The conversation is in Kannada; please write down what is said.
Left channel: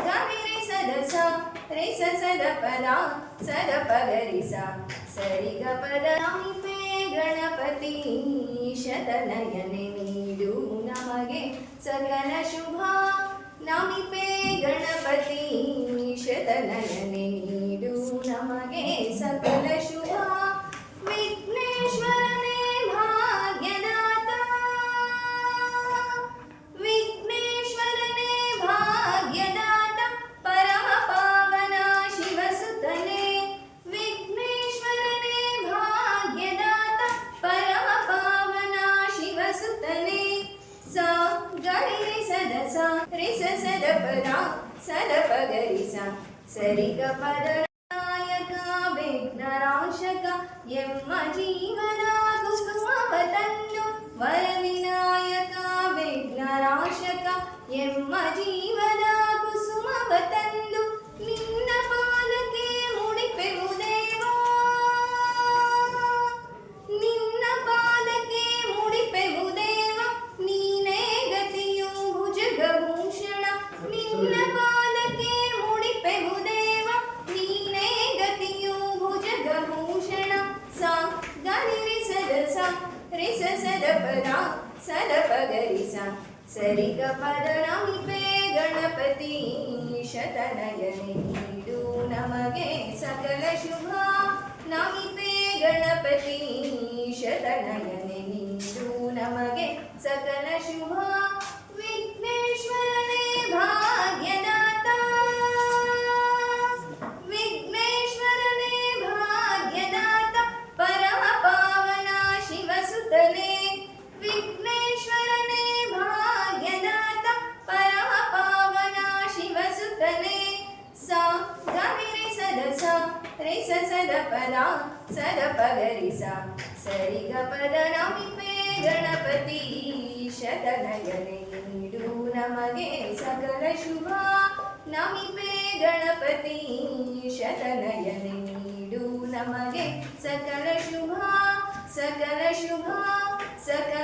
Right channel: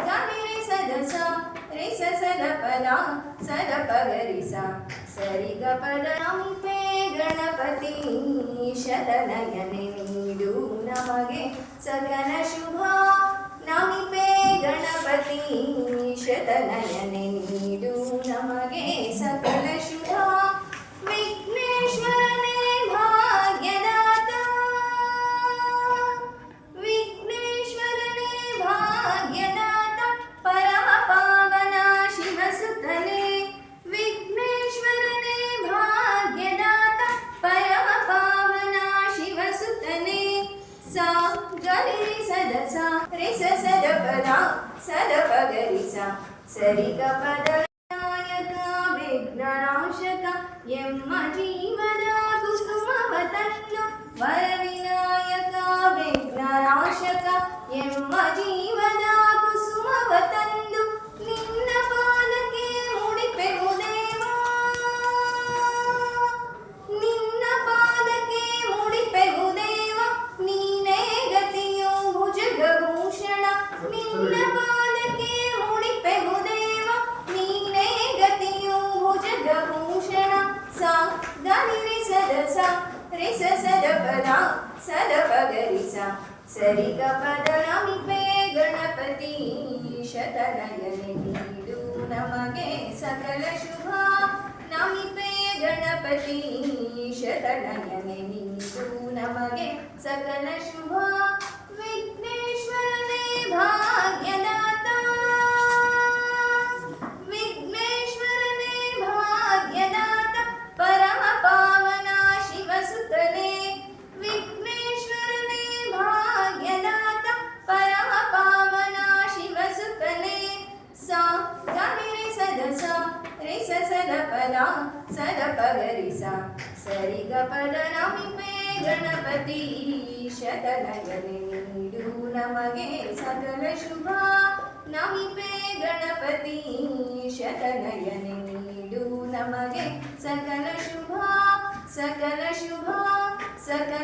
ಗರಿ ಸದ ಸ ರಿ ಸ ಸದ ಪದ ಸದ ಪಗರಿ ಸ ಸರಿ ಗ ಪದ ನಮಿಪೆ ಗಣಪತಿ ಶತನಯನೆ ನೀಡು ನಮಗೆ ಸಕಲ ಶುಭ ನಮಿಪೆ ಗಣಪತಿ ಶತನಯನೆ ನೀಡು ನಮಗೆ ಸಕಲ ಶುಭ ವಿಘ್ನೇಶ್ವರನೇ ಭಾಗ್ಯದಾತ ವಿಘ್ನೇಶ್ವರನೇ ಭಾಗ್ಯದಾತ ಪರಮ ಪಾವನ ಶಿವಸುತನೇ ವಿಘ್ನೇಶ್ವರನೇ ಭಾಗ್ಯದಾತ ಪರಮ ಪಾವನ ಶಿವಸುತನೇ ಸ ಗರಿ ಸದ ಸ ರಿ ಸ ಸದ ಪದ ಸದ ಪಗರಿ ಸ ಸರಿ ಗ ಪದ ನಾಯಕ ವಿಘ್ನನಾಶಕ ಎಮ್ಮ ಜೀವನ ಕುಸುಮವ ತಂದು ವರವಿನಾಯಕ ವಿಘ್ನನಾಶಕ ಎಮ್ಮ ಜೀವನ ಕುಸುಮವ ತಂದು ನಿನ್ನ ಪಾದಕ್ಕೆ ಮುಡಿಪೆವು ದೇವಾ ನಿನ್ನ ಪಾದಕ್ಕೆ ಮುಡಿಪೆವು ದೇವ ನೀನೇ ಗತಿಯು ಭುಜಗಭೂಷಣ ನಿನ್ನ ಪಾದಕ್ಕೆ ಮುಡಿಪೆವು ದೇವ ನೀನೇ ಗತಿಯು ಭುಜಗಭೂಷಣ ಸ ಗರಿ ಸದ ಸ ರಿ ಸ ಸದ ಪದ ಸದ ಪಗರಿ ಸ ಸರಿ ಗ ಪದ ನಮಿಪೆ ಗಣಪತಿ ಶತನಯನೆ ನೀಡು ನಮಗೆ ಸಕಲ ಶುಭ ನಮಿಪೆ ಗಣಪತಿ ಶತನಯನೆ ನೀಡು ನಮಗೆ ಸಕಲ ಶುಭ ವಿಘ್ನೇಶ್ವರನೇ ಭಾಗ್ಯದಾತ ವಿಘ್ನೇಶ್ವರನೇ ಭಾಗ್ಯದಾತ ಪರಮ ಪಾವನ ಶಿವಸುತನೇ ವಿಘ್ನೇಶ್ವರನೇ ಭಾಗ್ಯದಾತ ಪರಮ ಪಾವನ ಶಿವಸುತನೇ ಸ ಗರಿ ಸದ ಸ ರಿ ಸ ಸದ ಪದ ಸದ ಪಗರಿ ಸ ಸರಿ ಗ ಪದ ನಮಿಪೆ ಗಣಪತಿ ಶತನಯನೆ ನೀಡು ನಮಗೆ ಸಕಲ ಶುಭ ನಮಿಪೆ ಗಣಪತಿ ಶತನಯನೆ ನೀಡು ನಮಗೆ ಸಕಲ ಶುಭ ಸಕಲ ಶುಭ ಸಕಲ